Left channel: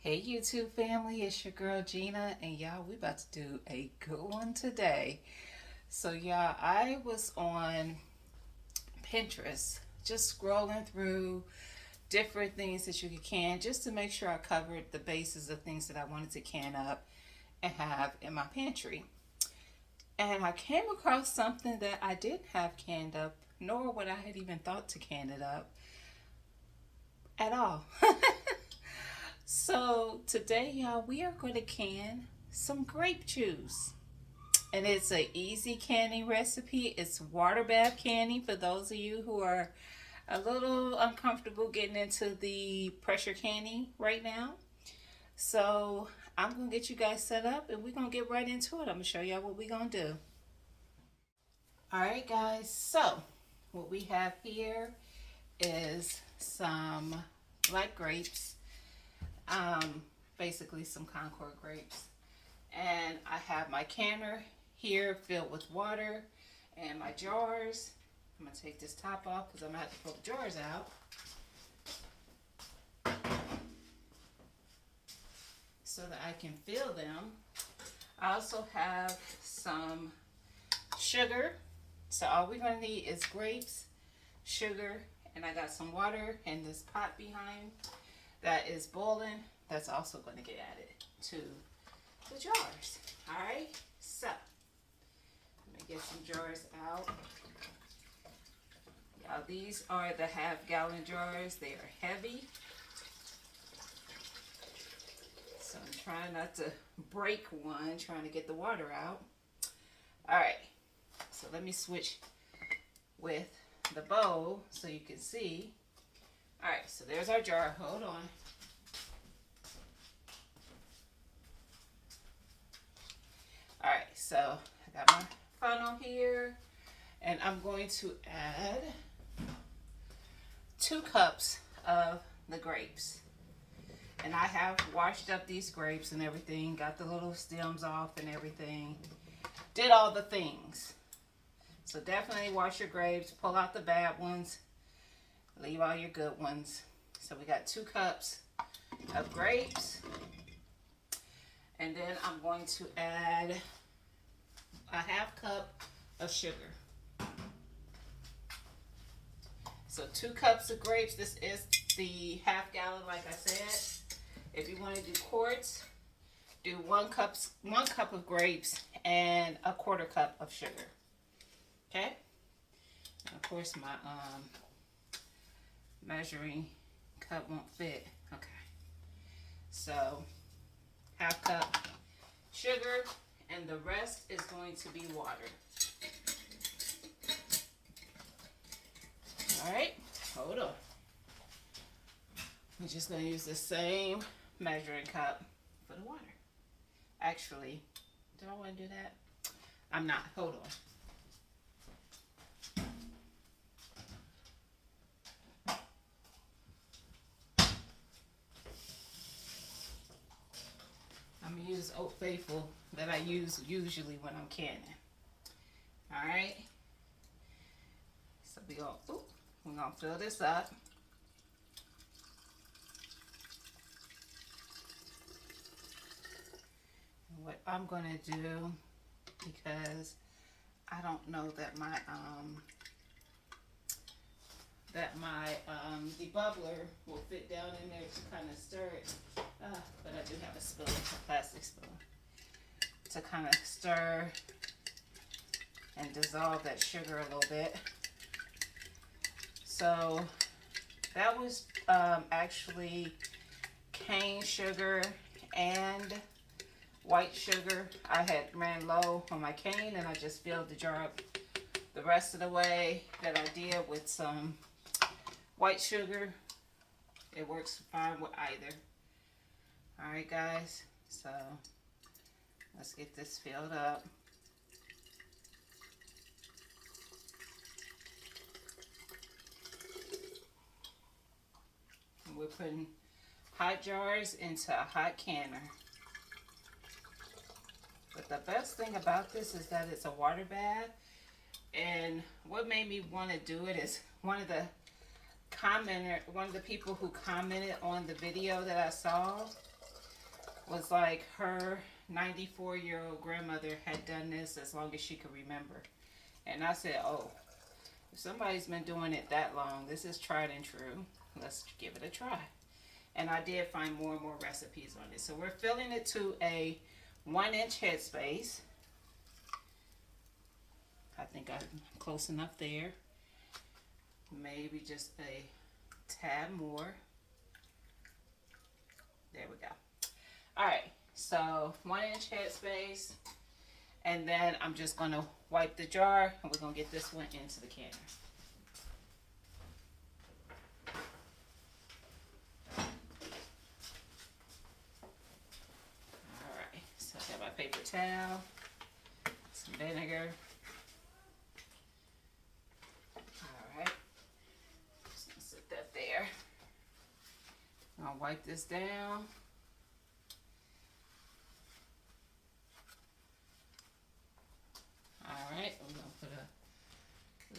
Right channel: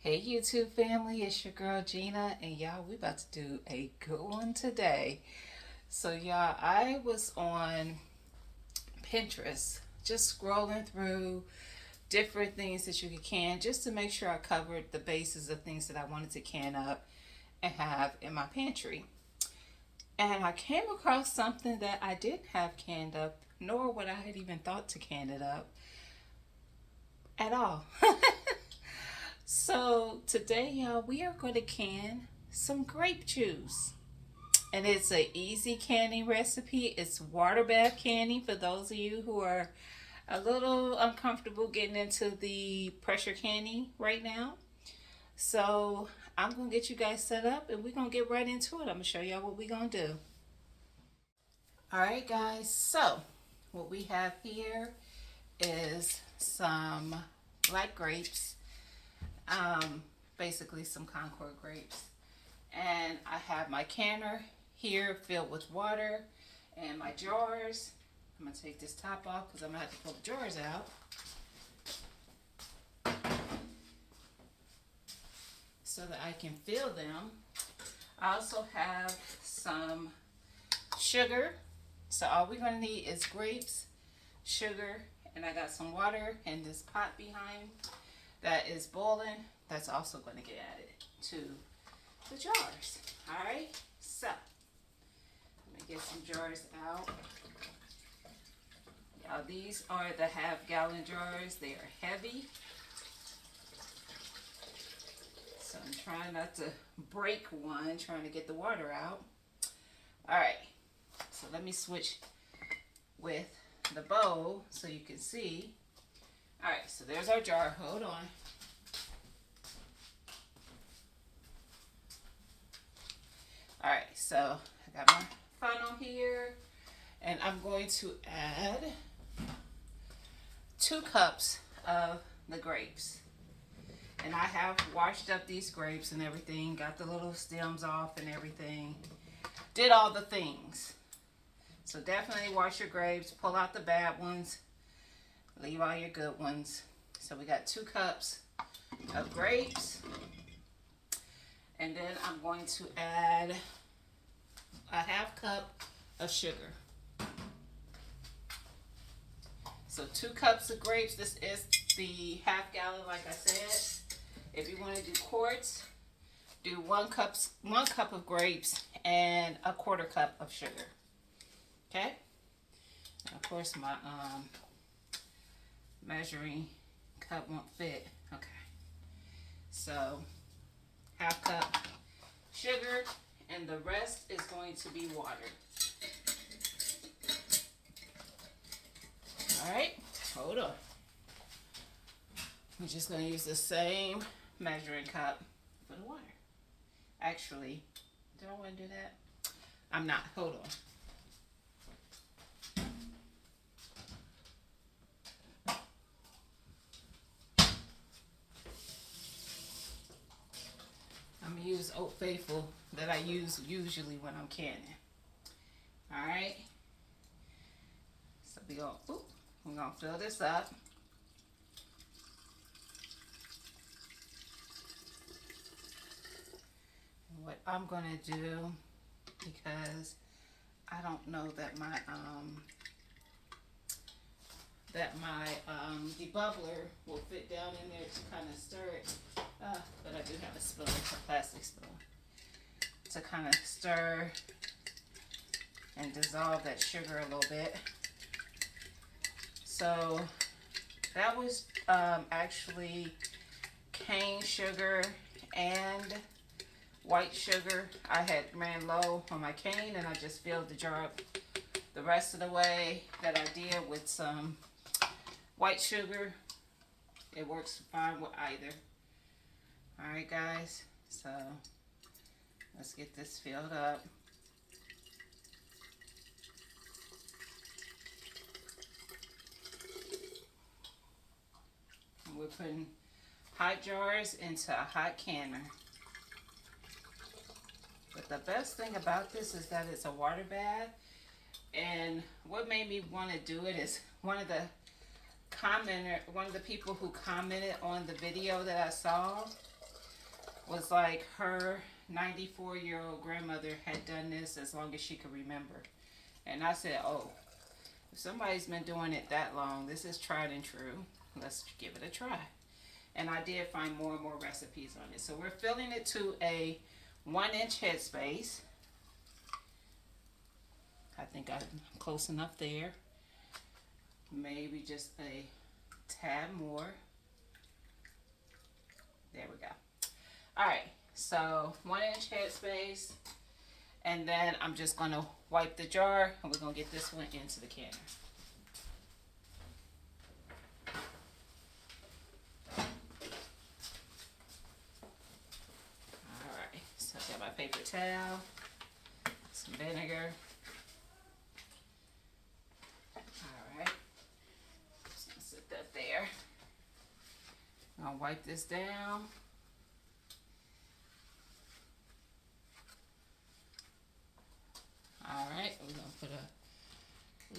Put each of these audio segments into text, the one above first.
Hey YouTube family, it's your girl Gina, and y'all, we about to do a good one today. So y'all, I was on Pinterest just scrolling through different things that you could can just to make sure I covered the bases of things that I wanted to can up and have in my pantry. And I came across something that I didn't have canned up, nor would I had even thought to can it up at all. So today, y'all, we are going to can some grape juice. And it's an easy canning recipe. It's water bath canning for those of you who are a little uncomfortable getting into the pressure canning right now. So I'm going to get you guys set up and we're going to get right into it. I'm going to show y'all what we're going to do. All right, guys. So what we have here is some black grapes. Basically some Concord grapes. And I have my canner here filled with water and my jars. I'm going to take this top off because I'm going to have to pull the jars out so that I can fill them. I also have some sugar. So all we're going to need is grapes, sugar, and I got some water in this pot behind that is boiling. That's also going to get added to the jars. All right, so let me get some jars out. Now these are the half-gallon jars. They are heavy, so I'm trying not to break one, trying to get the water out. All right, so let me switch with the bowl so you can see. All right, so there's our jar. Hold on. All right, so I got my funnel here, and I'm going to add 2 cups of the grapes. And I have washed up these grapes and everything, got the little stems off and everything, did all the things. So definitely wash your grapes, pull out the bad ones, leave all your good ones. So we got 2 cups of grapes. And then I'm going to add a half cup of sugar. So 2 cups of grapes. This is the half gallon, like I said. If you want to do quarts, do 1 cup of grapes and a 1/4 cup of sugar. Okay? And of course my measuring cup won't fit. Okay. So half cup sugar, and the rest is going to be water. All right, hold on. We're just going to use the same measuring cup for the water. Actually, do I want to do that? I'm not. Hold on. I'm going to use Old Faithful that I use usually when I'm canning. All right. So we're going to fill this up. And what I'm going to do, because I don't know that my debubbler will fit down in there to kind of stir it. But I do have a spoon, a plastic spoon, to kind of stir and dissolve that sugar a little bit. So that was actually cane sugar and white sugar. I had ran low on my cane and I just filled the jar up the rest of the way that I did with some white sugar. It works fine with either. All right, guys, so let's get this filled up. And we're putting hot jars into a hot canner. But the best thing about this is that it's a water bath. And what made me want to do it is one of the people who commented on the video that I saw was like her 94-year-old grandmother had done this as long as she could remember. And I said, oh, if somebody's been doing it that long, this is tried and true. Let's give it a try. And I did find more and more recipes on it. So we're filling it to a 1-inch headspace. I think I'm close enough there. Maybe just a tad more. There we go. All right, so 1-inch headspace. And then I'm just gonna wipe the jar and we're gonna get this one into the canner. All right, so I got my paper towel, some vinegar. All right, just gonna sit that there. I'll wipe this down. All right, we're gonna put a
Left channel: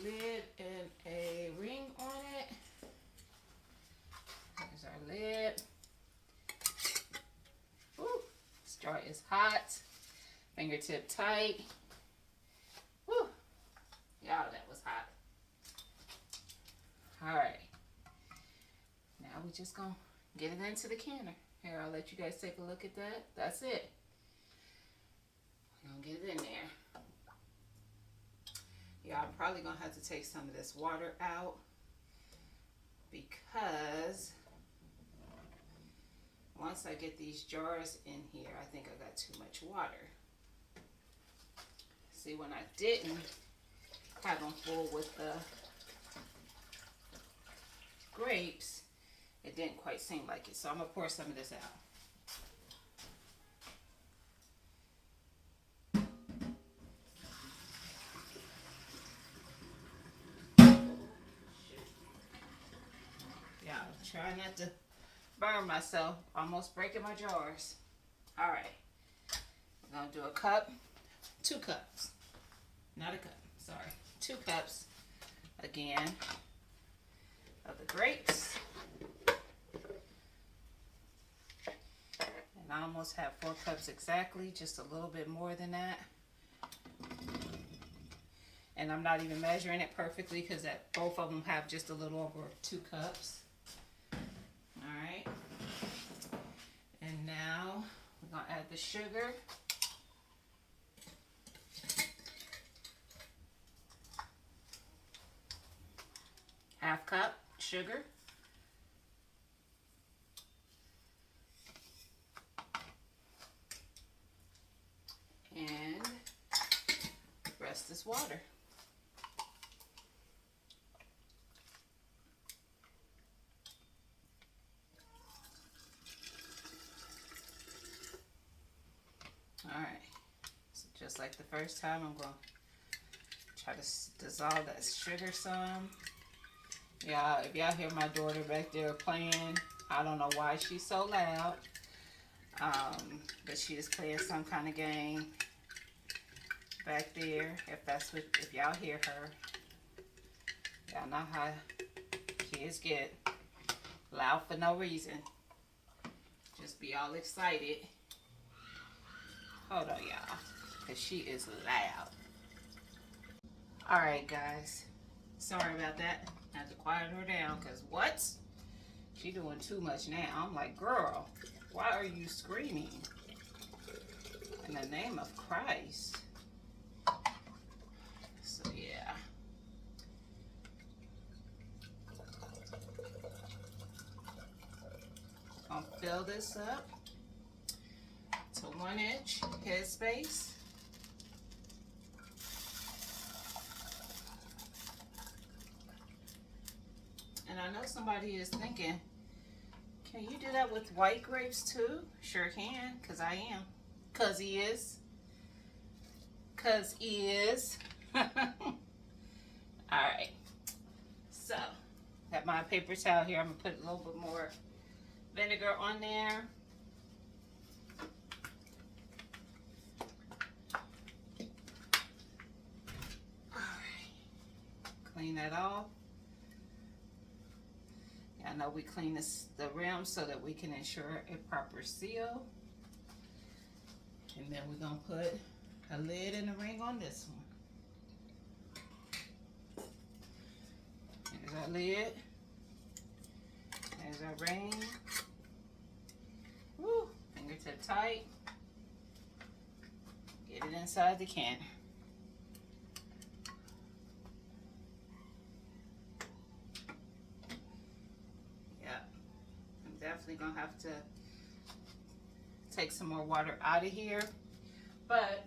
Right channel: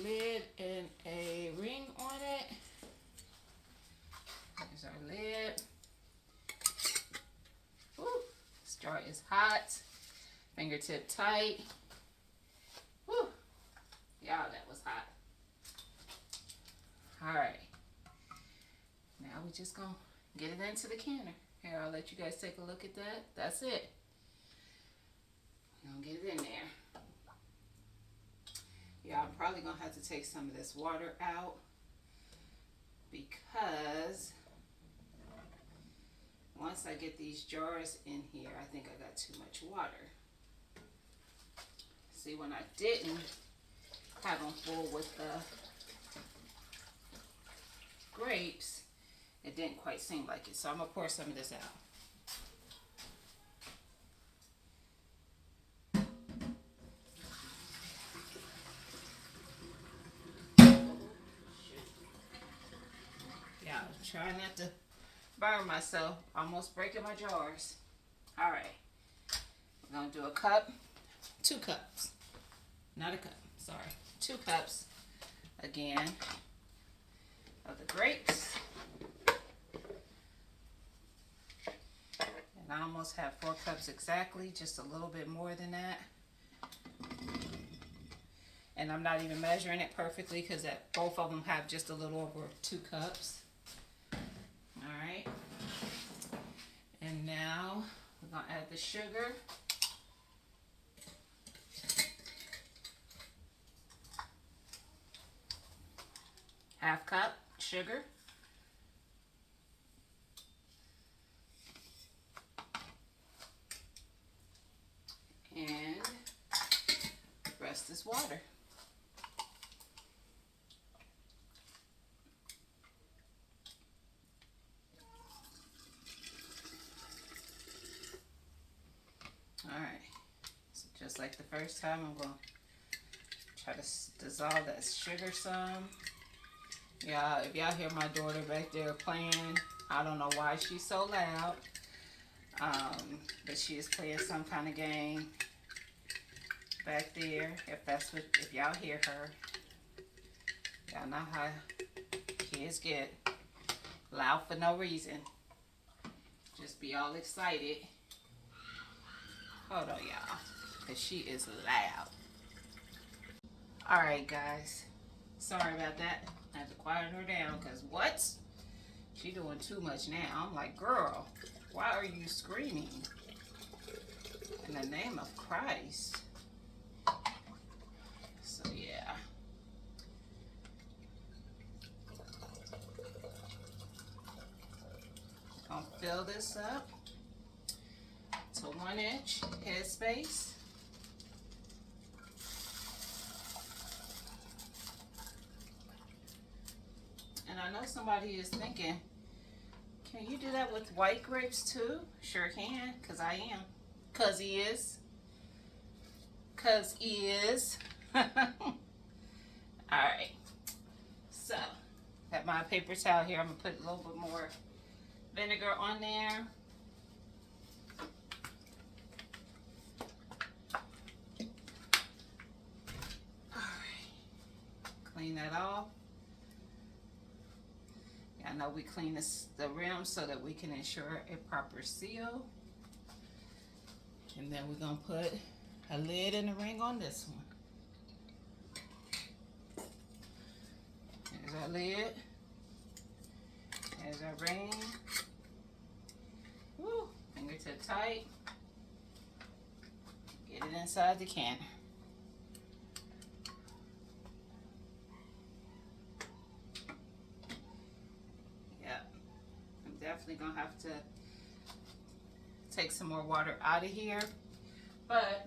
lid and a ring on it. There's our lid. Woo, this jar is hot. Fingertip tight. Woo, y'all, that was hot. All right, now we just gonna get it into the canner. Here, I'll let you guys take a look at that. That's it. We're gonna get it in there. Yeah, I'm probably gonna have to take some of this water out because once I get these jars in here, I think I got too much water. See, when I didn't have them full with the grapes, it didn't quite seem like it. So I'm gonna pour some of this out. Try not to burn myself. Almost breaking my jars. All right. We're going to do a cup. 2 cups. Not a cup. Sorry. 2 cups. Again. Of the grapes. And I almost have 4 cups exactly. Just a little bit more than that. And I'm not even measuring it perfectly because both of them have just a little over 2 cups. Alright, and now we're going to add the sugar. Half cup sugar. And the rest is water. Alright, so just like the first time, I'm going to try to dissolve that sugar some. Yeah, if y'all hear my daughter back there playing, I don't know why she's so loud, but she is playing some kind of game back there. If y'all hear her, y'all know how kids get loud for no reason. Just be all excited. Hold on, y'all, because she is loud. All right, guys. Sorry about that. I had to quiet her down because what? She doing too much now. I'm like, girl, why are you screaming? In the name of Christ. So, yeah. I'll fill this up to 1-inch headspace. And I know somebody is thinking, can you do that with white grapes too? Sure can, because I am. Because he is. Because he is. Alright. So, got my paper towel here. I'm going to put a little bit more vinegar on there. Clean that off. I know we clean the rim so that we can ensure a proper seal. And then we're gonna put a lid and a ring on this one. There's our lid. There's our ring. Woo, fingertip tight. Get it inside the can. Yep, I'm definitely gonna have to take some more water out of here, but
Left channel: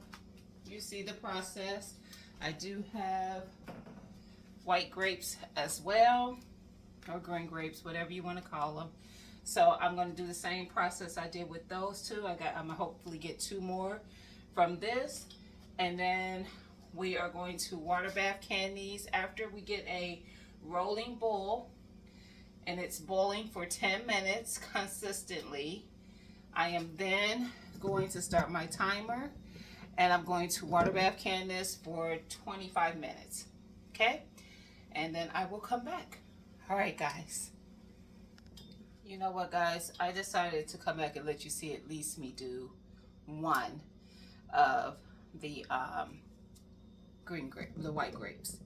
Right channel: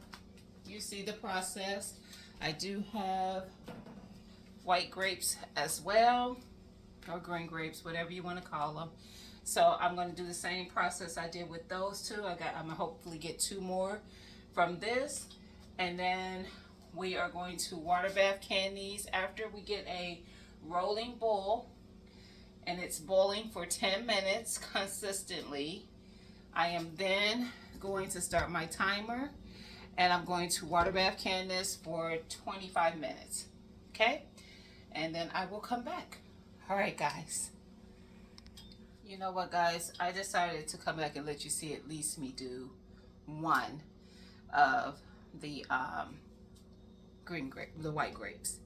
you see the process. I do have white grapes as well, or green grapes, whatever you want to call them. So I'm going to do the same process I did with those two. I'm gonna hopefully get 2 more from this, and then we are going to water bath can these after we get a rolling boil, and it's boiling for 10 minutes consistently. I am then going to start my timer, and I'm going to water bath can this for 25 minutes, okay? And then I will come back. All right, guys. You know what, guys? I decided to come back and let you see at least me do one of the white grapes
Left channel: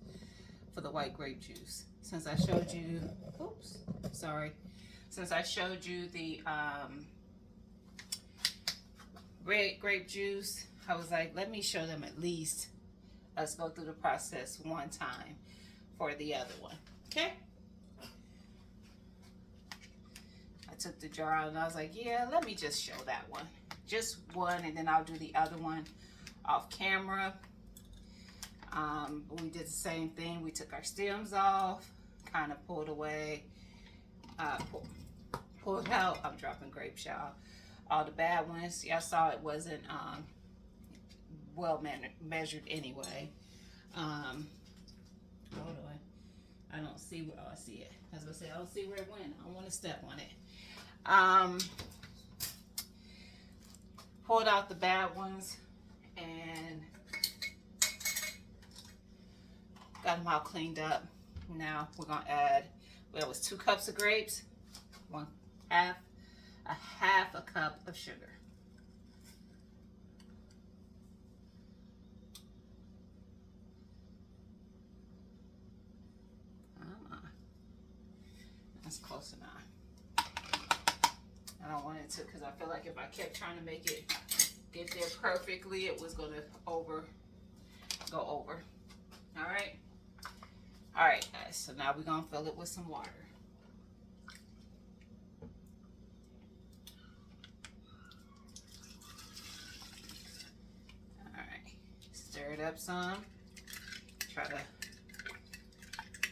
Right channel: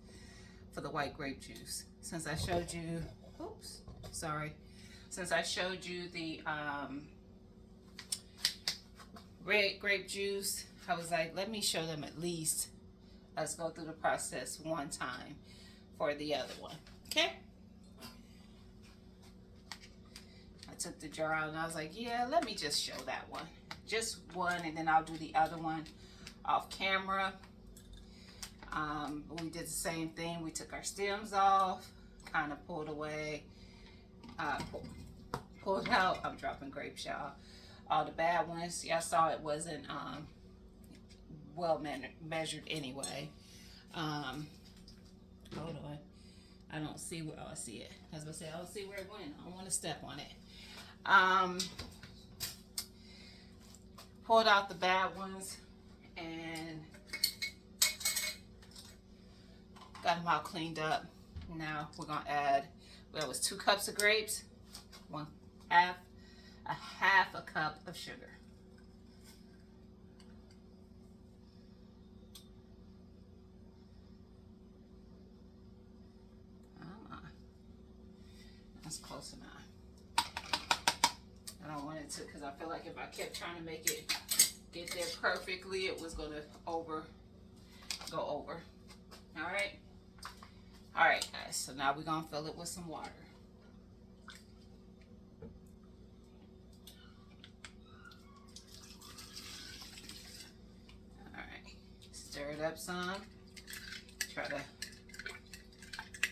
for the white grape juice. Since I showed you, oops, sorry. Since I showed you the red grape juice, I was like, let me show them at least. Let's go through the process one time for the other one, okay? I took the jar out and I was like, yeah, let me just show that one. Just one, and then I'll do the other one off camera. We did the same thing. We took our stems off, kind of pulled away, pulled out. I'm dropping grapes, y'all. All the bad ones. Y'all saw it wasn't well measured anyway. Hold on. I don't see where, oh, I see it. I was gonna say, I don't see where it went. I don't want to step on it. Pulled out the bad ones and got them all cleaned up. Now we're gonna add, well, it was 2 cups of grapes, half a cup of sugar. That's close enough. I don't want it to, because I feel like if I kept trying to make it get there perfectly, it was going to go over. All right. All right, guys. So now we're going to fill it with some water. All right. Stir it up some. Try to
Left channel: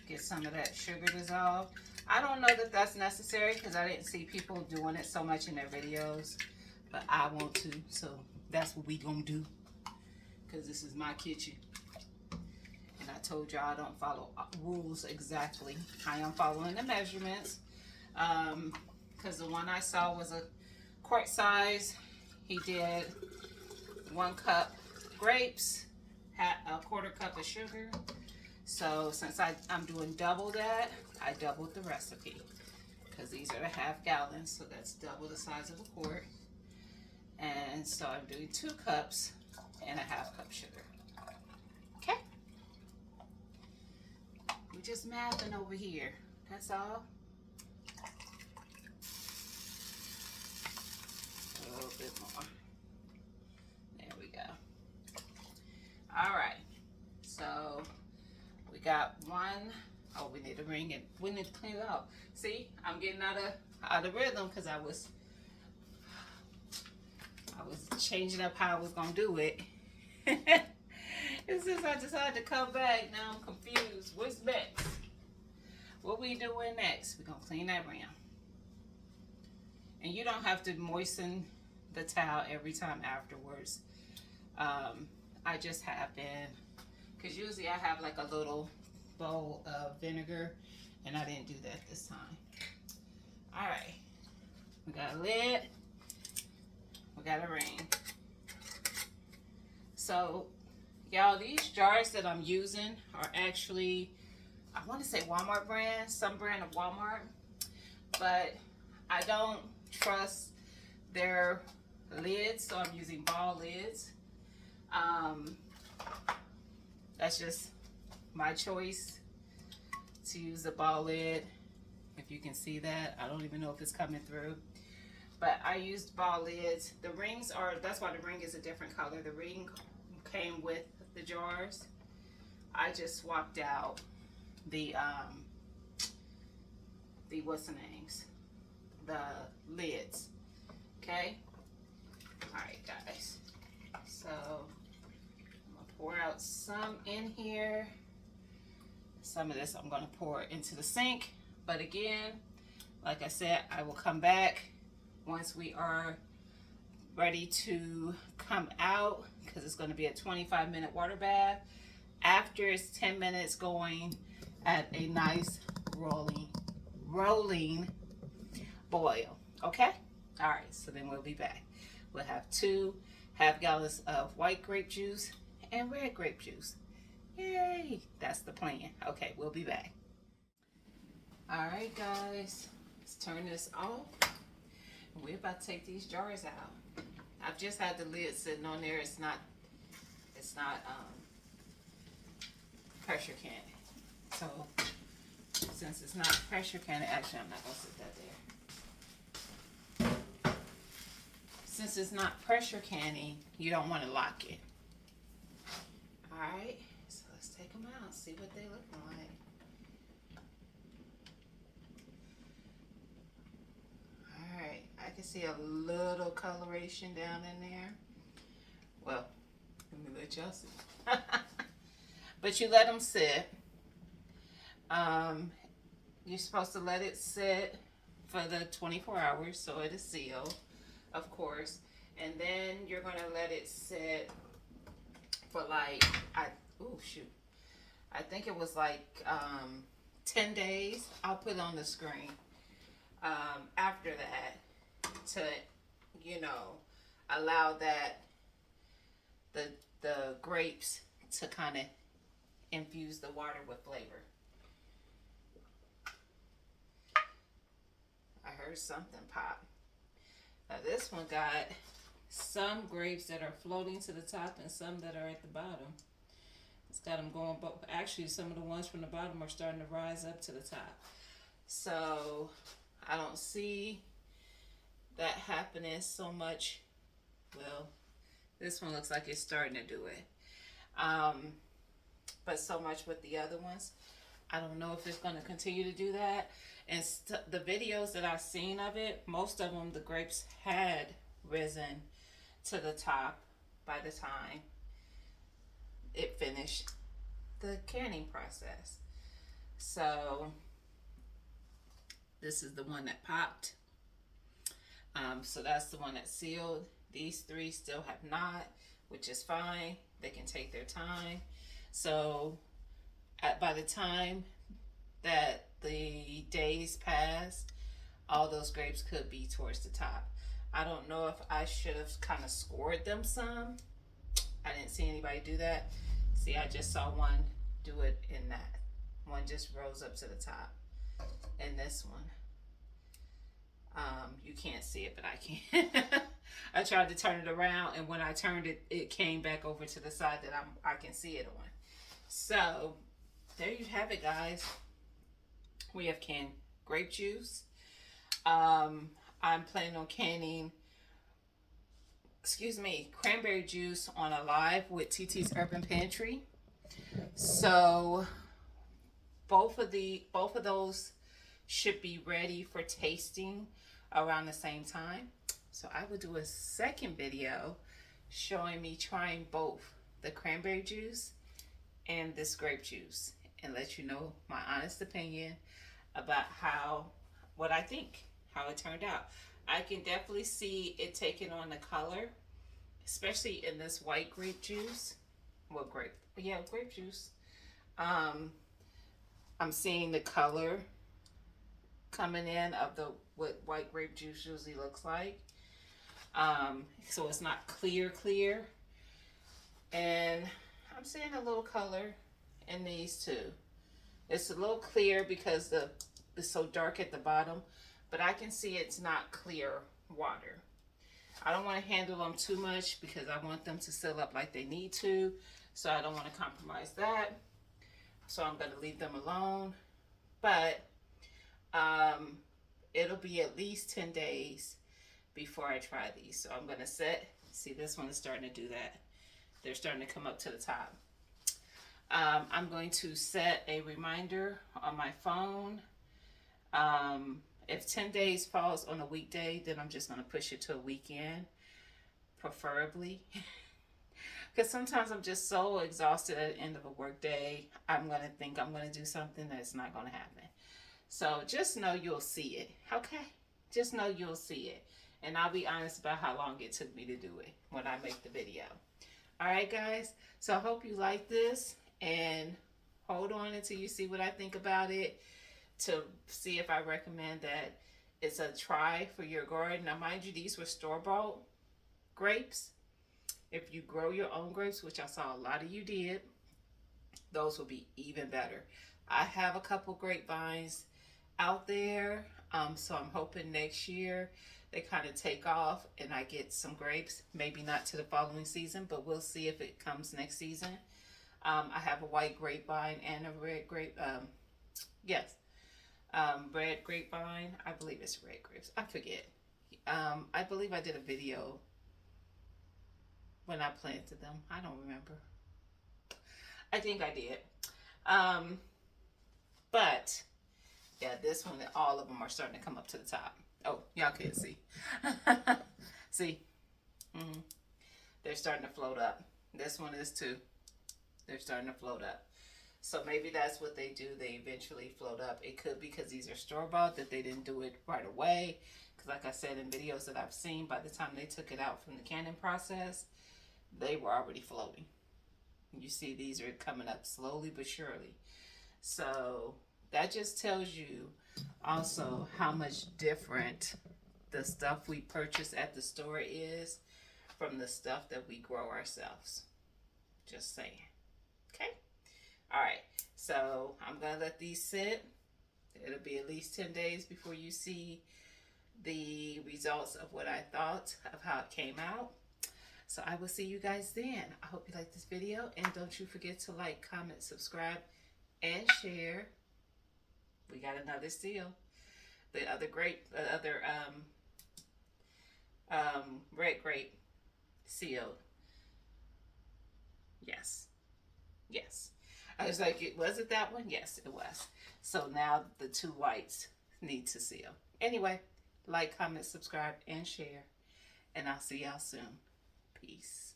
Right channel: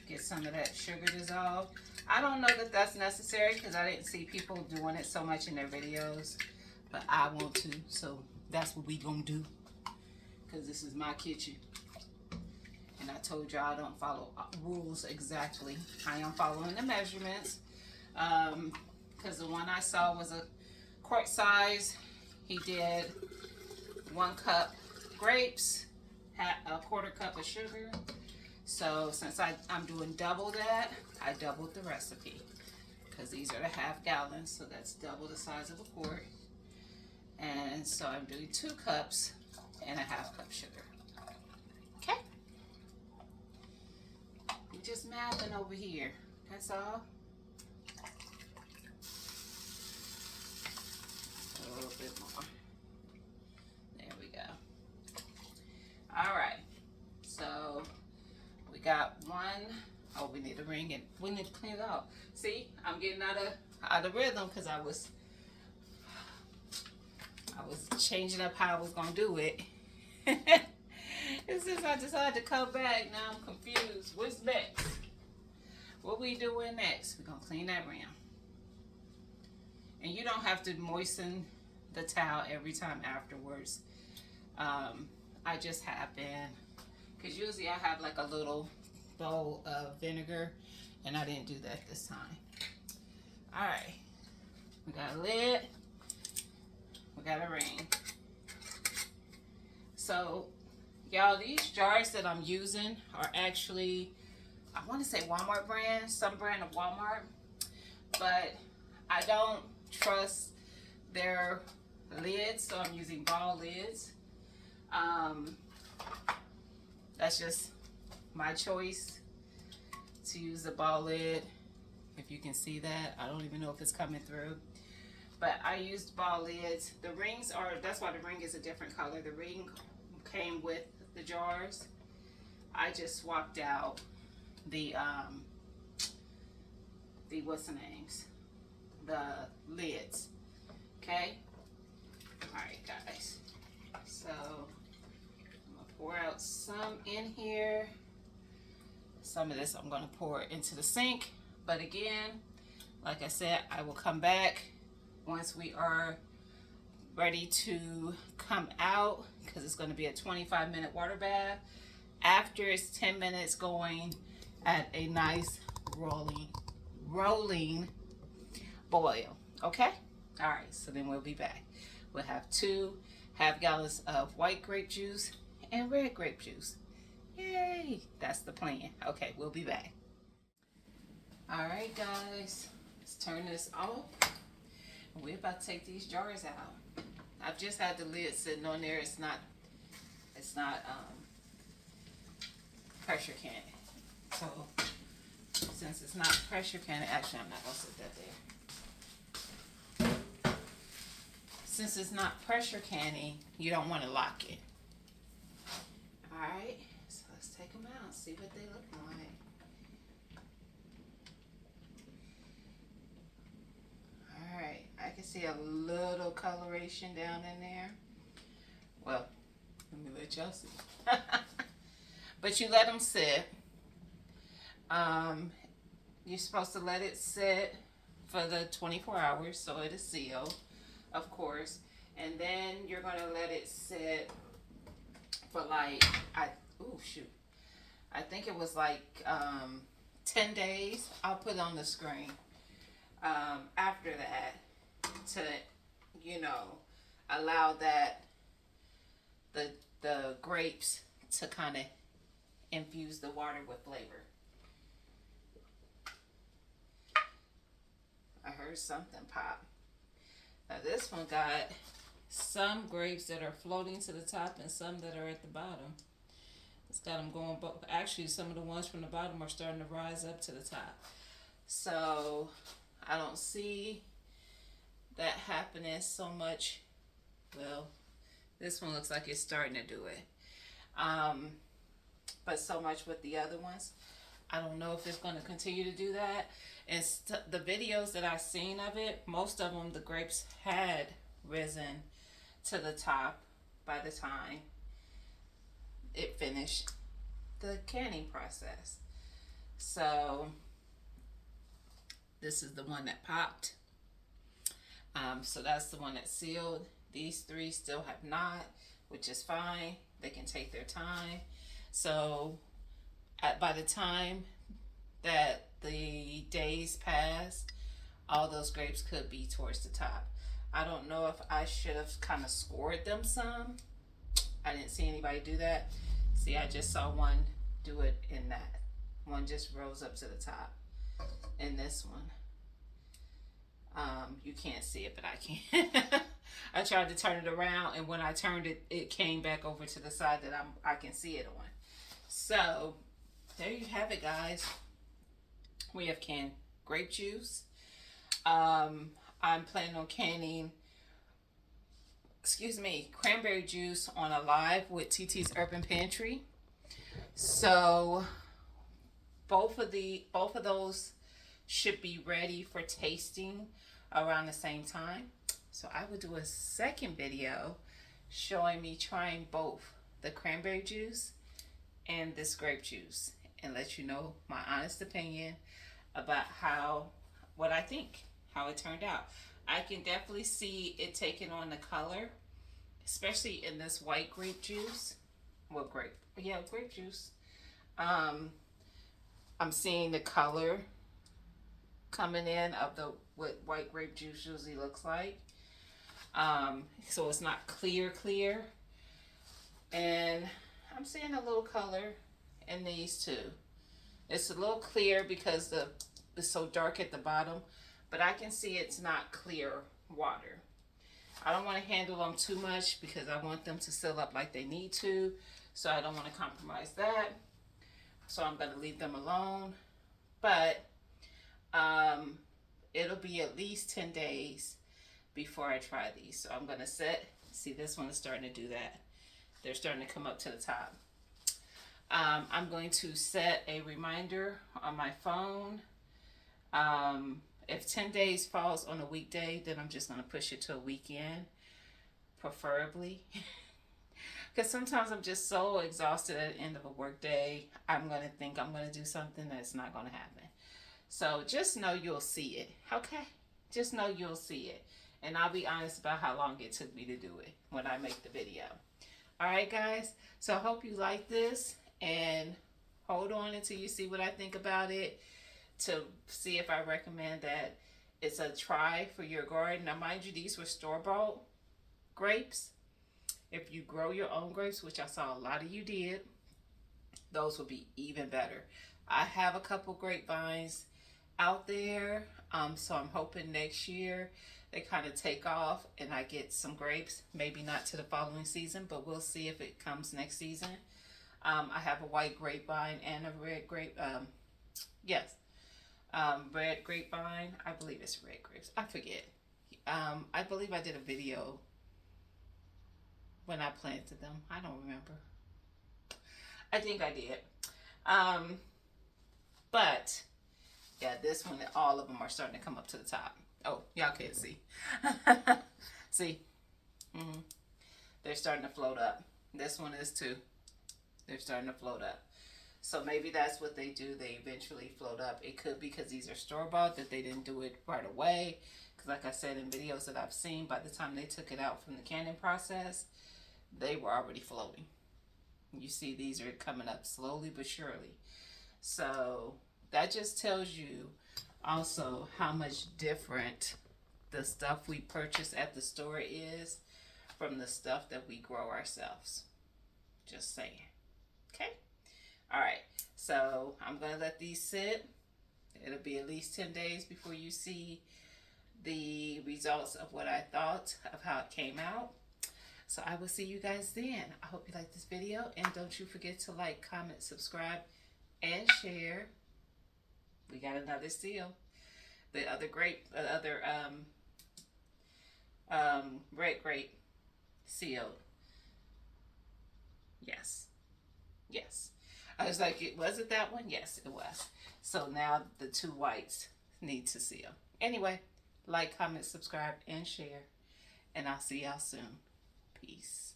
get some of that sugar dissolved. I don't know that that's necessary because I didn't see people doing it so much in their videos, but I want to, so that's what we gonna do, because this is my kitchen. And I told y'all I don't follow rules exactly. I am following the measurements, because the one I saw was a quart size. He did 1 cup grapes, had a 1/4 cup of sugar. So since I'm doing double that, I doubled the recipe, because these are the ½ gallons, so that's double the size of a quart. And so I'm doing 2 cups and a ½ cup sugar. Okay? We're just mathing over here. That's all. A little bit more. There we go. All right. So we got 1. Oh, we need to ring it. We need to clean it out. See, I'm getting out of rhythm because I was changing up how I was gonna do it. And since I decided to come back, now I'm confused. What's next? What we doing next? We're gonna clean that rim. And you don't have to moisten the towel every time afterwards. I just have been, because usually I have like a little bowl of vinegar, and I didn't do that this time. All right, we got a lid, we got a ring. So y'all, these jars that I'm using are actually, I want to say Walmart brand, some brand of Walmart, but I don't trust their lids, so I'm using ball lids. That's just my choice to use the ball lid. If you can see that, I don't even know if it's coming through, but I used ball lids. The rings are, that's why the ring is a different color. The ring came with the jars. I just swapped out the what's the names? The lids. Okay? Alright guys. So I'm gonna pour out some in here. Some of this I'm gonna pour into the sink. But again, like I said, I will come back once we are ready to come out, because it's going to be a 25-minute water bath. After it's 10 minutes going at a nice rolling boil. Okay? All right, so then we'll be back. We'll have 2.5 gallons of white grape juice and red grape juice. Yay! That's the plan. Okay, we'll be back. All right, guys, let's turn this off. We're about to take these jars out. I've just had the lid sitting on there. It's not pressure canning. So since it's not pressure canning, actually I'm not gonna sit that there. Since it's not pressure canning, you don't want to lock it. All right, so let's take them out, see what they look like. Alright, I can see a little coloration down in there. Well, let me let y'all see. But you let them sit. You're supposed to let it sit for the 24 hours so it is sealed, of course. And then you're going to let it sit for like, I think it was like 10 days. I'll put it on the screen. After that, to, you know, allow that the grapes to kind of infuse the water with flavor. I heard something pop. Now this one got some grapes that are floating to the top and some that are at the bottom. It's got them going, but actually some of the ones from the bottom are starting to rise up to the top. So I don't see that happening so much. Well, this one looks like it's starting to do it. But so much with the other ones. I don't know if it's going to continue to do that. And the videos that I've seen of it, most of them, the grapes had risen to the top by the time it finished the canning process. So this is the one that popped. So that's the one that's sealed. These 3 still have not, which is fine. They can take their time. So by the time that the days pass, all those grapes could be towards the top. I don't know if I should have kind of scored them some. I didn't see anybody do that. See, I just saw one do it in that. One just rose up to the top. And this one, you can't see it, but I can. I tried to turn it around, and when I turned it, it came back over to the side that I can see it on. So there you have it, guys. We have canned grape juice. I'm planning on canning, cranberry juice on a live with TT's Urban Pantry. So both of those should be ready for tasting around the same time. So I will do a second video showing me trying both the cranberry juice and this grape juice, and let you know my honest opinion about what I think, how it turned out. I can definitely see it taking on the color, especially in this white grape juice. Well, grape juice. I'm seeing the color coming in of what white grape juice usually looks like. So it's not clear, and I'm seeing a little color in these too. It's a little clear because it's so dark at the bottom, but I can see it's not clear water. I don't want to handle them too much because I want them to seal up like they need to. So I don't want to compromise that. So I'm going to leave them alone. But it'll be at least 10 days before I try these. So I'm going to set, see, this one is starting to do that. They're starting to come up to the top. I'm going to set a reminder on my phone. If 10 days falls on a weekday, then I'm just going to push it to a weekend, preferably. Because sometimes I'm just so exhausted at the end of a work day, I'm going to think I'm going to do something that's not going to happen. So just know you'll see it, okay? Just know you'll see it. And I'll be honest about how long it took me to do it when I make the video. All right, guys? So I hope you like this, and hold on until you see what I think about it to see if I recommend that it's a try for your garden. Now, mind you, these were store-bought grapes. If you grow your own grapes, which I saw a lot of you did, those will be even better. I have a couple grapevines out there, so I'm hoping next year they kind of take off and I get some grapes. Maybe not to the following season, but we'll see if it comes next season. I have a white grapevine and a red grape. Red grapevine. I believe it's red grapes. I forget. I believe I did a video when I planted them. I don't remember. I think I did. But yeah, this one, all of them are starting to come up to the top. Oh, y'all can't see. See? They're starting to float up. This one is too. They're starting to float up. So maybe that's what they do. They eventually float up. It could be because these are store-bought that they didn't do it right away. Because like I said in videos that I've seen, by the time they took it out from the canning process, they were already floating. You see these are coming up slowly but surely. So that just tells you also how much different the stuff we purchase at the store is from the stuff that we grow ourselves. Just saying. Okay? All right. So I'm going to let these sit. It'll be at least 10 days before you see the results of what I thought of how it came out. So I will see you guys then. I hope you like this video, and don't you forget to like, comment, subscribe, and share. We got another seal. The other grape, red grape sealed. Yes. Yes. I was like, was it that one? Yes, it was. So now the two whites need to seal. Anyway, like, comment, subscribe, and share. And I'll see y'all soon. Peace.